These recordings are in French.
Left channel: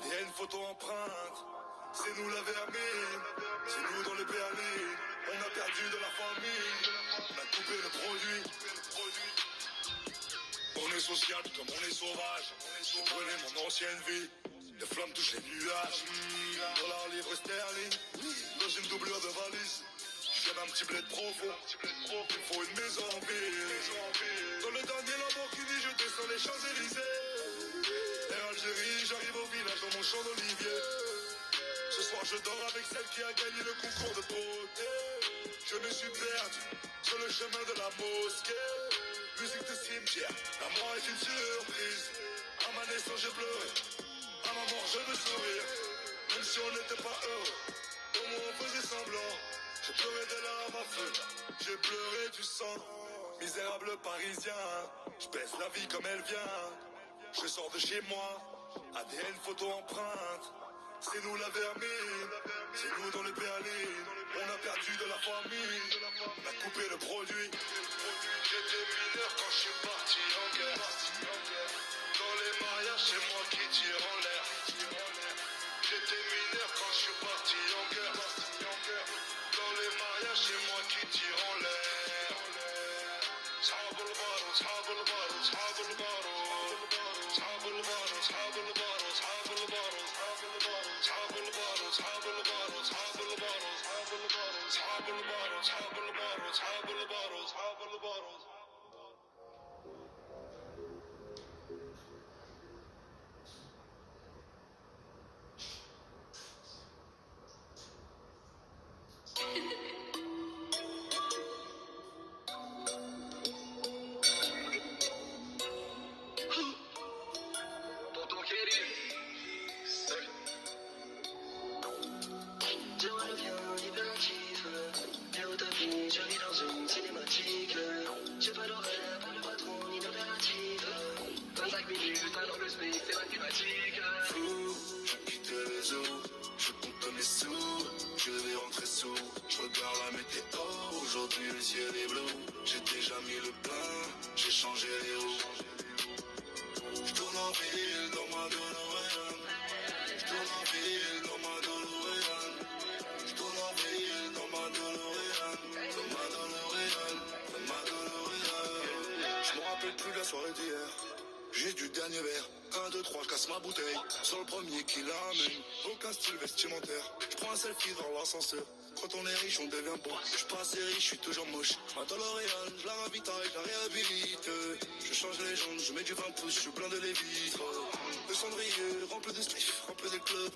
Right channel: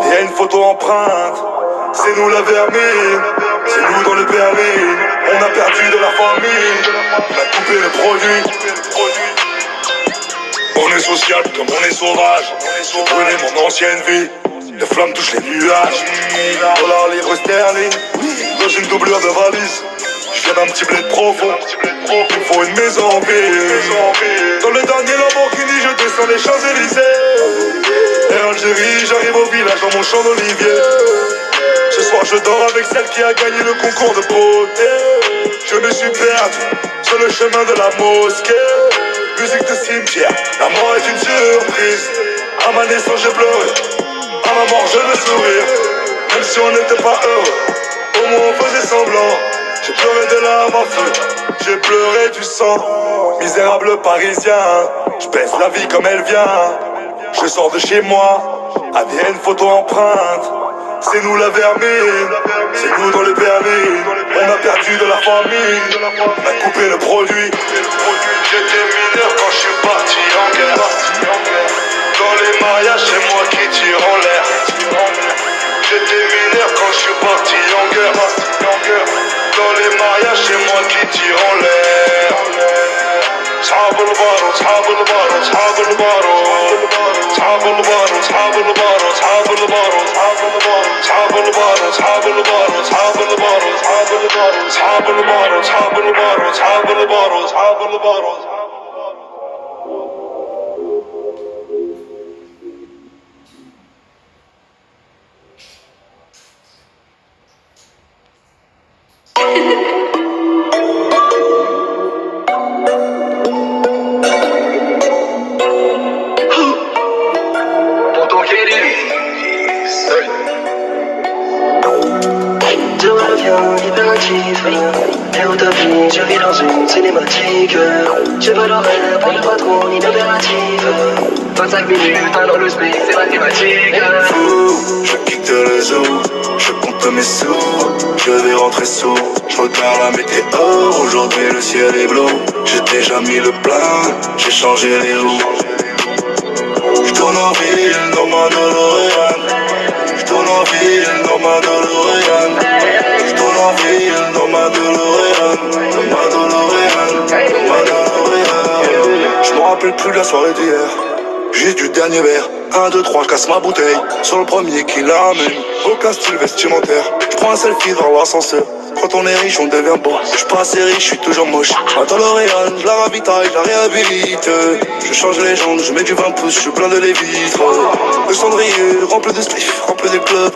ADN, photo, empreinte. C'est nous la vermine, c'est nous dans le berline. On a perdu de la famille, on a coupé le produit. On est social comme on est sauvage. Je brûlais mon ancienne vie. Les flammes touchent les nuages. Dollars, livres sterling, dans une doublure de valise. Je viens d'un petit bled profond. Il me faut une maison en ville. Dans le dernier Lamborghini, je descends les Champs-Élysées. Et Algérie, j'arrive au village dans mon champ d'olivier. Ce soir je dors avec celle qui a gagné le concours de beauté. Je me suis perdu sur le chemin de la mosquée. Musique de cimetière, la mort est une surprise. À ma naissance j'ai pleuré, à ma mort je veux sourire. Même si on n'était pas heureux, au moins on faisait semblant. J'ai pleuré de larmes à feu, j'ai pleuré du sang. Misérable parisien, je baisse la vie comme elle vient. Je sors de chez moi, ADN, photo, empreinte. C'est nous la vermine, c'est nous dans le berline. On a perdu de la famille, on a coupé le produit. J'étais mineur quand je suis parti en guerre. Dans les mariages, c'est moi qui tire en l'air. J'étais mineur quand je suis parti en guerre. Dans les mariages, c'est moi qui tire en l'air. صحاب البارو صحاب البارو صحاب البارو صحاب البارو صحاب البارو صحاب البارو صحاب البارو صحاب البارو صحاب البارو صحاب البارو صحاب البارو صحاب البارو صحاب البارو. Et utopie, je vis dans une cinématique. J'ai pas d'horaire, pas de patron, ni d'impératif. 25 minutes, dans le space, c'est mathématique. Fou, je quitte le zoo, je compte mes sous. Je vais rentrer sous, je regarde la météo. Aujourd'hui le ciel est bleu, j'ai déjà mis le plein, j'ai changé les roues. Je tourne en ville dans ma DeLorean. Je tourne en ville dans ma DeLorean. Je tourne en ville dans ma DeLorean. Dans ma DeLorean, dans ma DeLorean. Je me rappelle plus de la soirée d'hier, juste du dernier verre. 1, 2, 3, je casse ma bouteille sur le premier qui l'amène. Aucun style vestimentaire, je prends un selfie devant l'ascenseur. Quand on est riche, on devient beau. Je suis pas assez riche, je suis toujours moche. Ma DeLorean, je la ravitaille, je la réhabilite. Je change les jambes, je mets du 20 pouces, je suis plein de les vitres. Le cendrier rempli de spliff, rempli de club.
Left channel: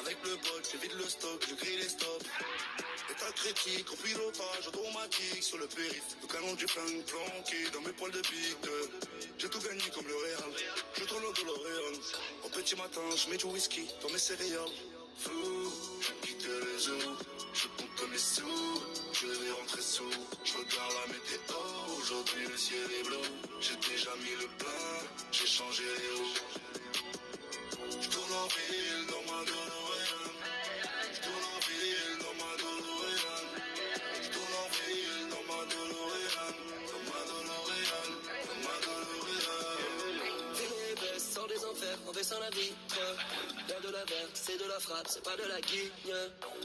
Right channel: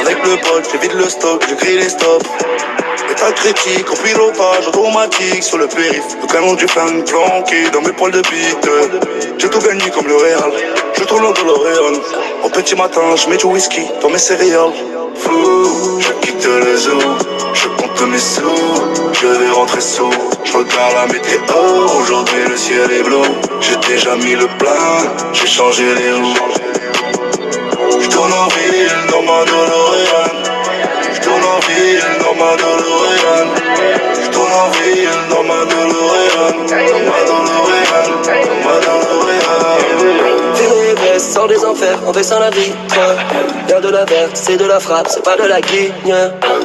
Avec le bol, j'évite le stock, je grille les stops. État critique, au pilotage automatique sur le périph'. Le canon du fan planqué dans mes poils de bite. J'ai tout gagné comme le Real, je tourne en DeLorean. Au petit matin, je mets du whisky dans mes céréales. Fou, je quitte le zoo, je compte mes sous. Je vais rentrer sous, je regarde la météo. Aujourd'hui le ciel est bleu, j'ai déjà mis le plein, j'ai changé les roues. Je tourne en ville dans ma DeLorean. Je tourne en ville dans ma DeLorean. Je tourne en ville dans ma DeLorean. Dans ma DeLorean, dans ma DeLorean. Sors des enfers en baissant la vitre. Y'a de la verte, c'est de la frappe, c'est pas de la guigne.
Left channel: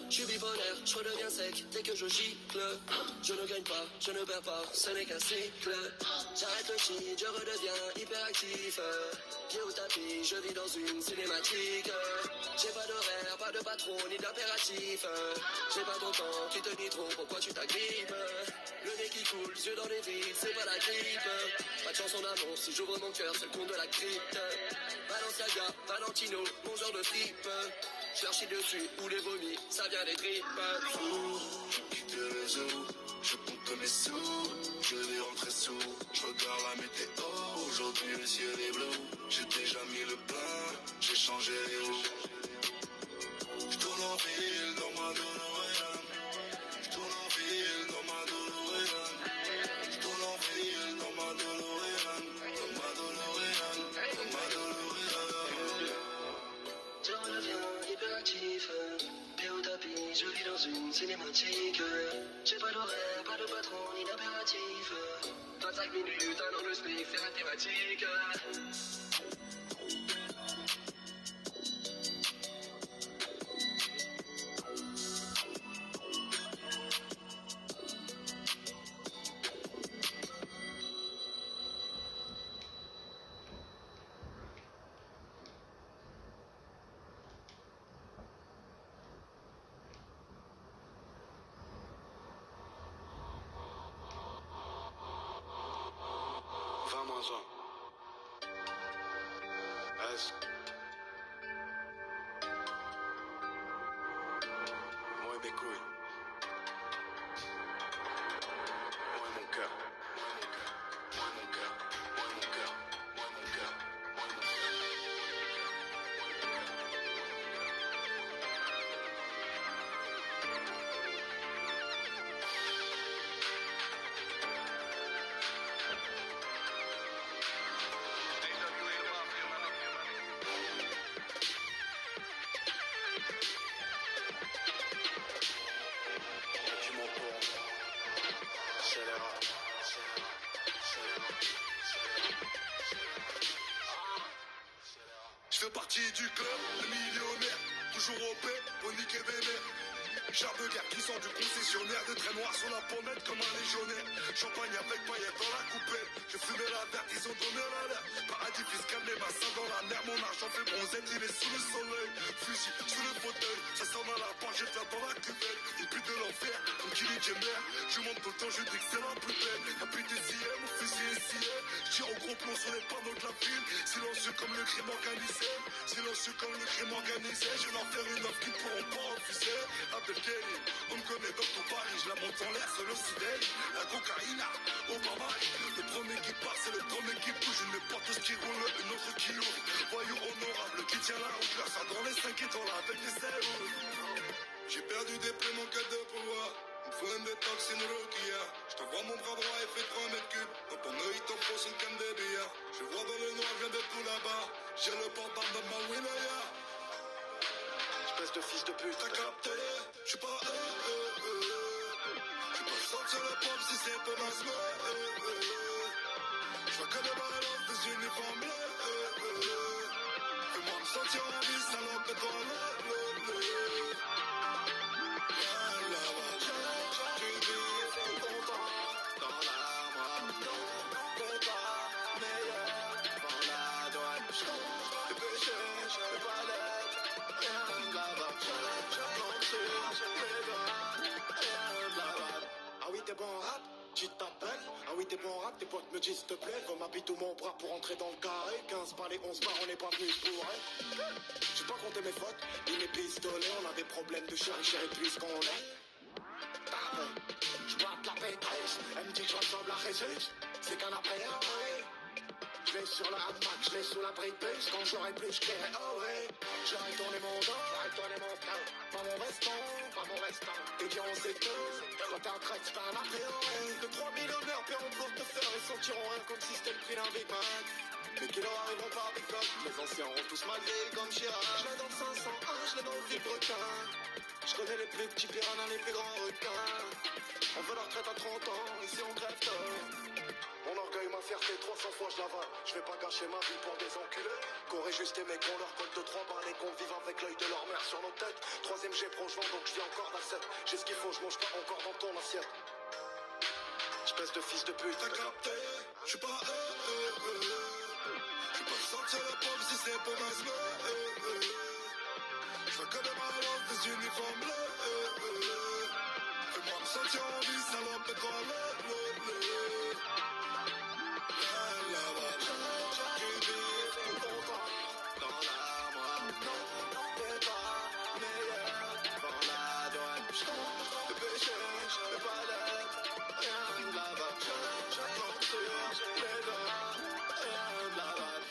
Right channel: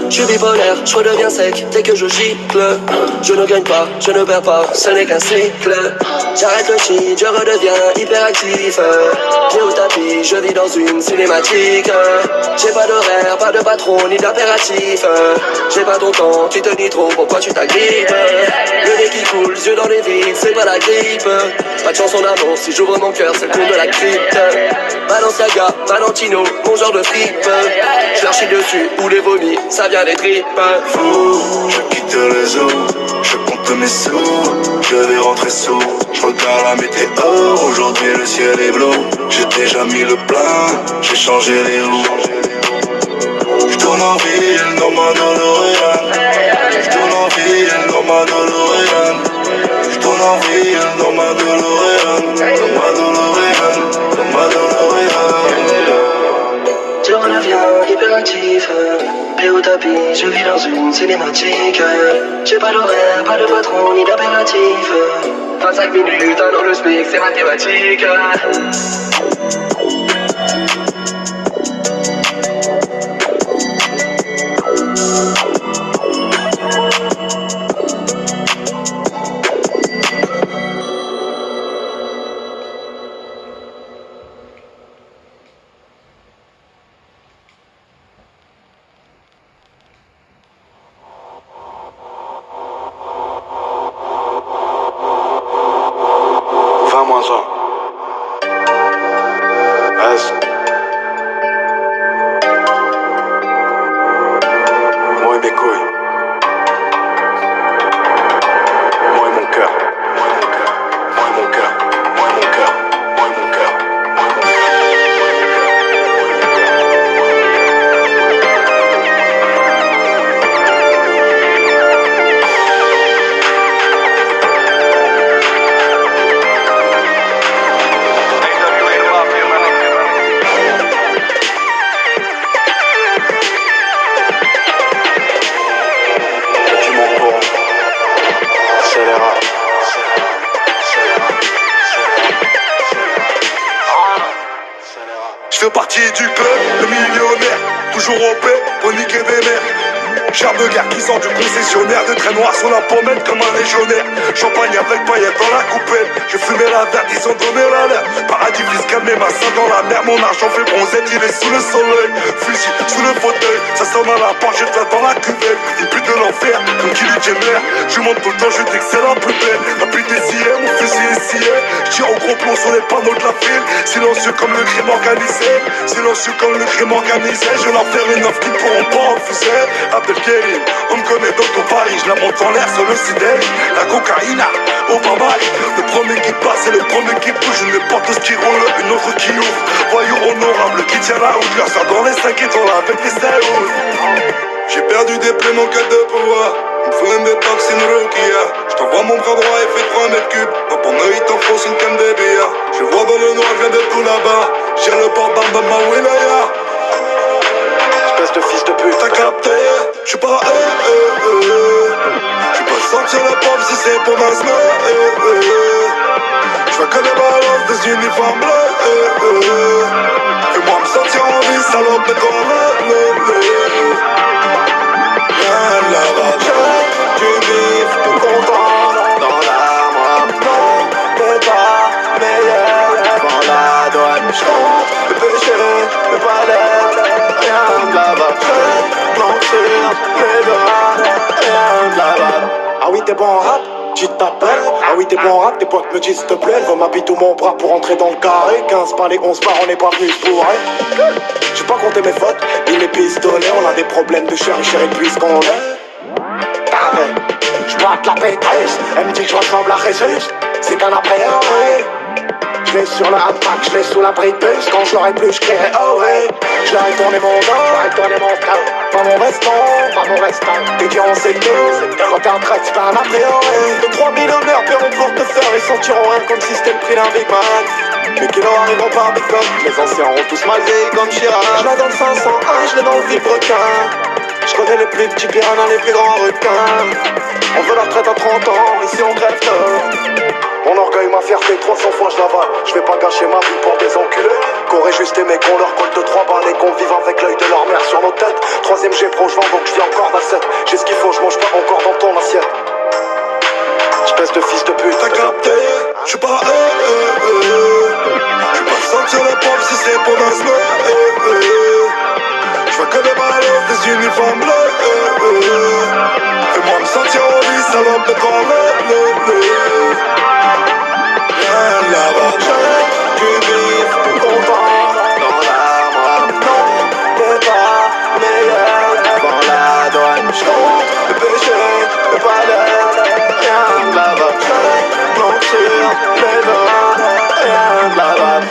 Je suis bipolaire, je redeviens sec dès que je gicle. Je ne gagne pas, je ne perds pas, ce n'est qu'un cycle. J'arrête le shit, je redeviens hyperactif. Pied au tapis, je vis dans une cinématique. J'ai pas d'horaire, pas de patron, ni d'impératif. J'ai pas ton temps, tu te dis trop, pourquoi tu t'agrippes? Le nez qui coule, yeux dans les vides, c'est pas la grippe. Pas de chanson d'amour, si j'ouvre mon cœur, c'est le tour de la crypte. Balenciaga, Valentino, mon genre de fripe. Je leur chie dessus ou les vomis, ça vient des tripes. Fou, je quitte le zoo, je compte mes sous. Je vais rentrer sous, je regarde la météo. Aujourd'hui le ciel est bleu, j'ai déjà mis le plein, j'ai changé les roues. Je tourne en ville dans ma DeLorean. Je tourne en ville dans ma DeLorean. Je tourne en ville dans ma DeLorean. Dans ma DeLorean, dans ma DeLorean. Je redeviens hyperactif. Pied au tapis, je vis dans une cinématique. J'ai pas d'horaire, pas de patron, ni d'impératif. 25 minutes, dans le SMIC, c'est mathématique. comment ça? Est-ce moi et mes couilles, moi et mon cœur, moi et mon cœur, moi et mon cœur, moi et mon cœur, moi et mon cœur, moi et mon cœur. Je fais partie du club, le millionnaire, toujours au paix pour niquer des mères. Charme de guerre qui sort du concessionnaire, de traits noirs sur la pommette comme un légionnaire. Champagne avec paillettes dans la coupelle, je fumais la verte, ils ont donné l'alerte. Paradis fiscal, mais ma soeur dans la mer, mon argent fait bronzette, il est sous le soleil. Fusil sous le fauteuil, ça sonne à la porte, je te dans la cuvette. Une pute de l'enfer, comme Kylie Jenner. Je monte tout le temps, je dis que c'est la plus belle. La pute est sciée, mon fusil est scié. Je tire au gros plomb sur les panneaux de la ville. Silencieux comme le crime organisé, silencieux comme le crime organisé. Je leur faire une offre qu'ils pourront pas refuser. Abdelkerim, on me connaît dans ton Paris. Je la monte en l'air sur le sidèle. La cocaïna, au barbare. Le premier qui passe et le premier qui bouge. Une porte qui roule, une autre qui ouvre. Voyou honorable qui tient la route. Leur sort dans les 5 étoiles avec les Saouls. J'ai perdu des plaies, mon quête de pouvoir. Il me faut une détox, une Rukia. J't'envoie mon bras droit et fait 3 mètres cubes. Dans ton œil, t'enfonce une canne de billard. Je vois dans le noir, je viens de tout là-bas. J'ai le porte-barbe de ma wilaya. Espèce de fils de pute. T'as capté? J'suis pas J'suis pas sortir la pop si c'est pour ma J'vois que des balances, des uniformes bleus. Fais-moi me sentir en vie, salope de corps. Là-bas, Du bif, content, dans l'armoire. Non, t'es pas meilleur devant la douane. J'compte le péché, le palais, rien de là-bas. Je planque sur mes doigts, rien de là-bas. Ah oui, t'es bon en rap? Tu t'appelles? Ah oui, t'es bon en rap, tes potes me disent s'il te plaît. Elle veut m'habiter mon bras pour entrer dans le carré. 15 par les 11 par, on n'est pas venu pour rien. J'ai pas compté mes fautes, ni mes pistolets. On a des problèmes de chérie puisqu'on est. J'boite la pétresse, elle me dit que je ressemble à Jesus. C'est qu'un après, oh ouais. Je l'ai sur le hamac, je l'ai sous la brise. Quand je l'aurai plus, je crierai oh ouais. Je leur ai tourné mon dos, pas mon restant, t'es dit on sait tout. Quand t'es en train de se faire un après, oh ouais. De 3 millionnaires paieront pour te faire et sentiront rien comme si c'était le prix d'un Big Mac. Mais qui leur arriveront par Bitcoin. Les anciens auront tous mal vieilli comme Chirac. Je l'ai dans le 501, je l'ai dans le vilebrequin. Je connais les plus petits piranhas, les plus grands requins. On veut la retraite à 30 ans, ici on crève tôt. Mon orgueil, ma fierté, 300 fois je l'avale. Je vais pas gâcher ma vie pour des enculés. Qu'aurait juste aimé qu'on leur colle de 3 balles et qu'on vive avec l'œil de leur mère sur nos têtes. Troisième G pro, je vends donc je vis encore d'assiette. J'ai ce qu'il faut, je mange pas encore dans ton assiette. Espèce de fils de pute. T'as capté? J'suis pas J'suis pas sortir la pop si c'est pour ma J'vois que des ballons, des uniformes bleus. Fais-moi me sentir en vie, salope de corps. Là-bas, Du bif, content, dans l'armoire. Non, t'es pas meilleur devant la douane. J'compte le péché, le palais, rien de là-bas. Je planque sur mes doigts, rien de là-bas.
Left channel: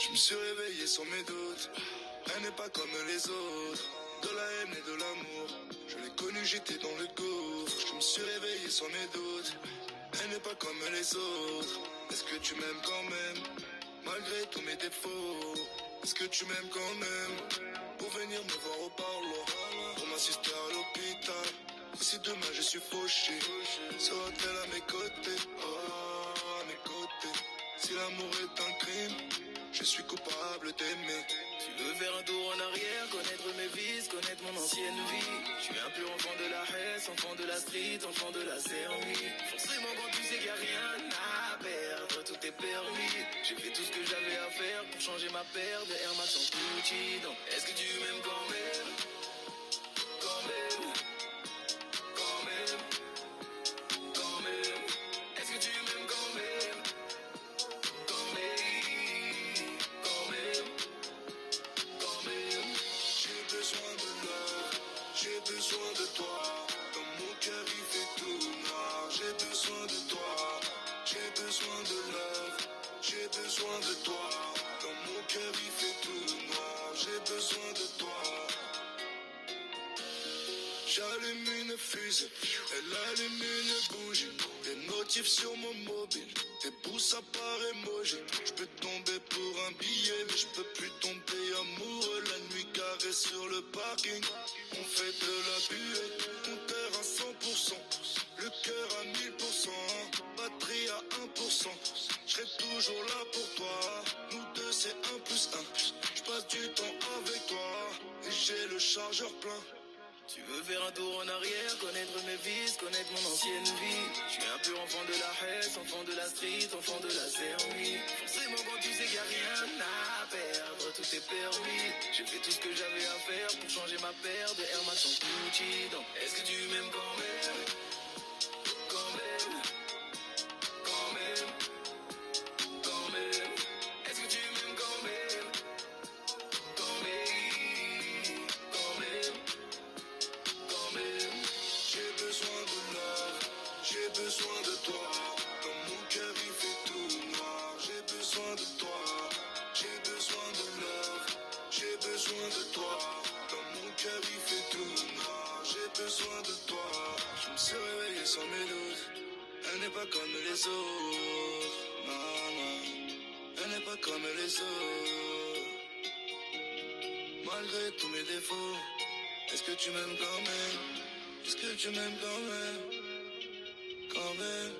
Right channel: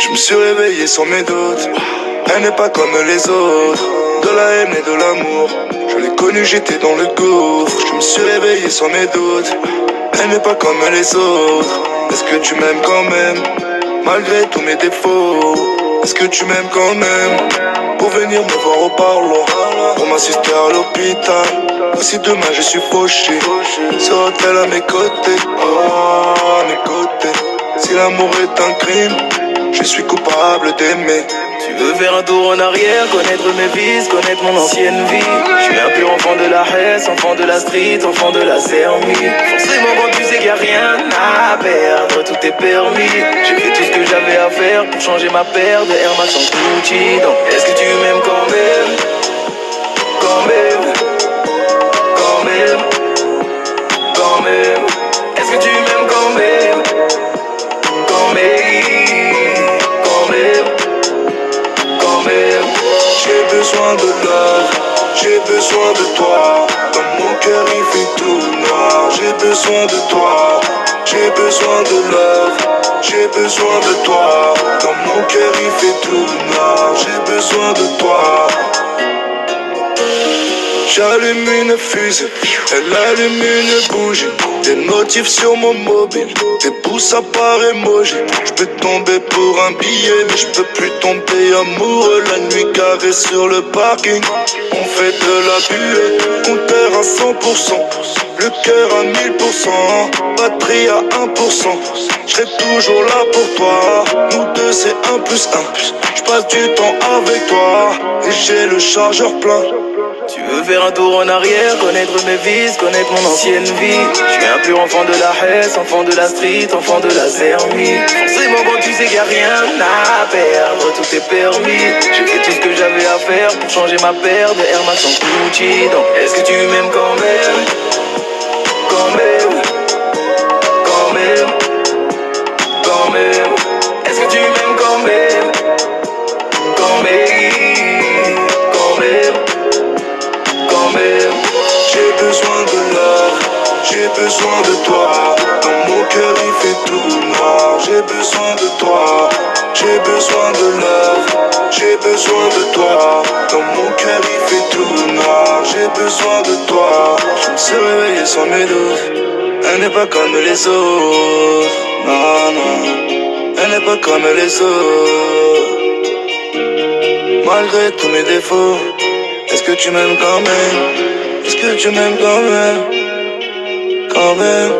Je me suis réveillé sans mes doutes. Elle n'est pas comme les autres. De la haine et de l'amour. Je l'ai connue, j'étais dans le gouffre. Je me suis réveillé sans mes doutes. Elle n'est pas comme les autres. Est-ce que tu m'aimes quand même? Malgré tous mes défauts. Est-ce que tu m'aimes quand même? Pour venir me voir au parloir, pour m'assister à l'hôpital. Si demain je suis fauché, sera-t-elle à mes côtés? Oh, à mes côtés. Si l'amour est un crime, je suis coupable d'aimer. Tu veux faire un tour en arrière, connaître mes vices, connaître mon ancienne vie. Je suis un pur enfant de la Hesse, enfant de la street, enfant de la Sermie. Forcément quand tu sais qu'il n'y a rien à perdre, tout est permis. J'ai fait tout ce que j'avais à faire pour changer ma paire de Air Max en Gucci. Donc est-ce que tu m'aimes quand même? Quand même. Quand même. Quand même. Est-ce que tu m'aimes quand même? Quand même. Quand même. Quand même. J'ai besoin de love, j'ai besoin de toi. Dans mon cœur il fait tout noir. J'ai besoin de toi, j'ai besoin de love, j'ai besoin de toi. Dans mon cœur il fait tout noir. J'ai besoin de toi. J'allume une fusée, elle allume une bougie. Des notifs sur mon mobile, des pouces à part emoji. J'peux tomber pour un billet, mais j'peux plus tomber amoureux. La nuit garée sur le parking, on fait de la buée. Compteur à 100%, le cœur à 1000%, batterie à 1%. J'serai toujours là pour toi, nous deux c'est 1+1. J'passe du temps avec toi, et j'ai le chargeur plein. Tu veux faire un tour en arrière, connaître mes vices, connaître mon ancienne vie. Je suis un pur enfant de la Hesse, enfant de la street, enfant de la Sermie. Forcément quand tu sais qu'il n'y a rien à perdre, tout est permis. J'ai fait tout ce que j'avais à faire pour changer ma paire de Air Max en Gucci. Donc est-ce que tu m'aimes quand même? Quand même. Quand même. Quand même. Est-ce que tu m'aimes quand même? Quand même. Quand même. J'ai besoin de love, j'ai besoin de toi. Dans mon cœur il fait tout noir. J'ai besoin de toi, j'ai besoin de love, j'ai besoin de toi. Dans mon cœur il fait tout noir. J'ai besoin de toi. Je me suis réveillé sans mes doutes. Elle n'est pas comme les autres. Non, non, elle n'est pas comme les autres. Malgré tous mes défauts, est-ce que tu m'aimes quand même? Est-ce que tu m'aimes quand même? Quand même.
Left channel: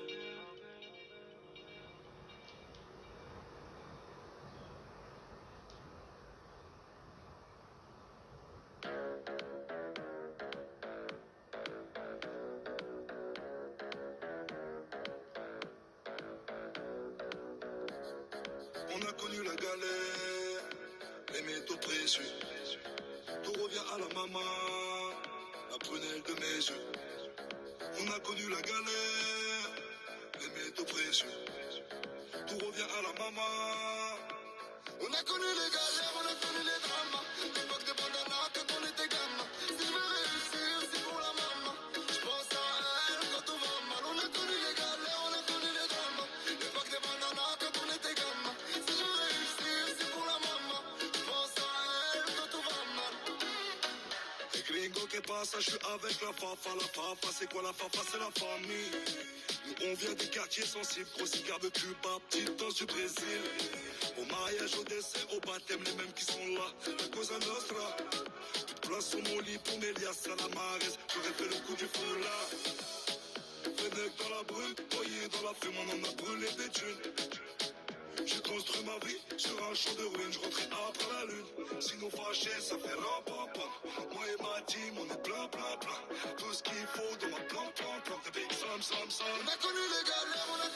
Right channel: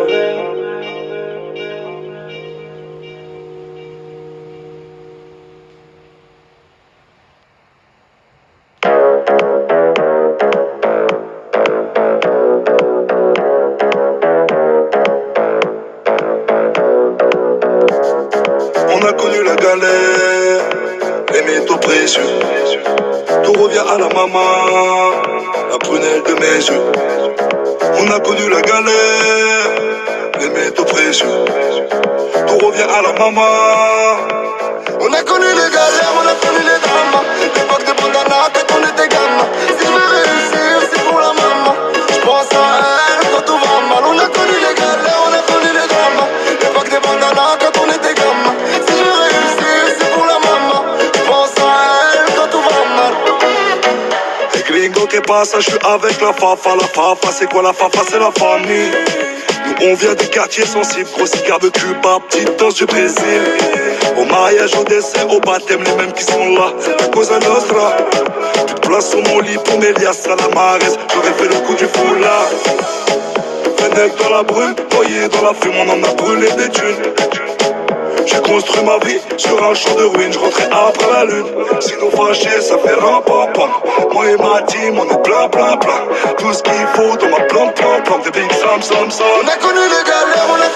On a connu la galère, les métaux précieux. Tout revient à la maman, la prunelle de mes yeux. On a connu la galère, les métaux précieux. Tout revient à la maman. On a connu les galères, on a connu les drames. L'époque de bandana quand on était gamin. Si je veux réussir, c'est pour la maman. Je pense à elle quand tout va mal. On a connu les galères, on a connu les drames. L'époque des bandanas quand on était gamin. Si je veux réussir, c'est pour la maman. Je pense à elle quand tout va mal. Les gringos qui passent, je suis avec la fafa. La fafa, c'est quoi la fafa? C'est la famille. Nous on vient des quartiers sensibles. Gros cigare de Cuba, petite danse du Brésil. Au mariage, au décès, au baptême, les mêmes qui sont là. La Cosa Nostra. Toute place sur mon lit pour mes liasses à la maresse. J'aurais fait le coup du foulard. Fennec dans la brume, noyé dans la fume, on en a brûlé des thunes. J'ai construit ma vie sur un champ de ruines, je rentrais après la lune. Si nous fâchés, ça fait ram-pam-pam. Moi et ma team, on est plein. Tout ce qu'il faut dans ma plan, des big sam. On a connu les galères, on a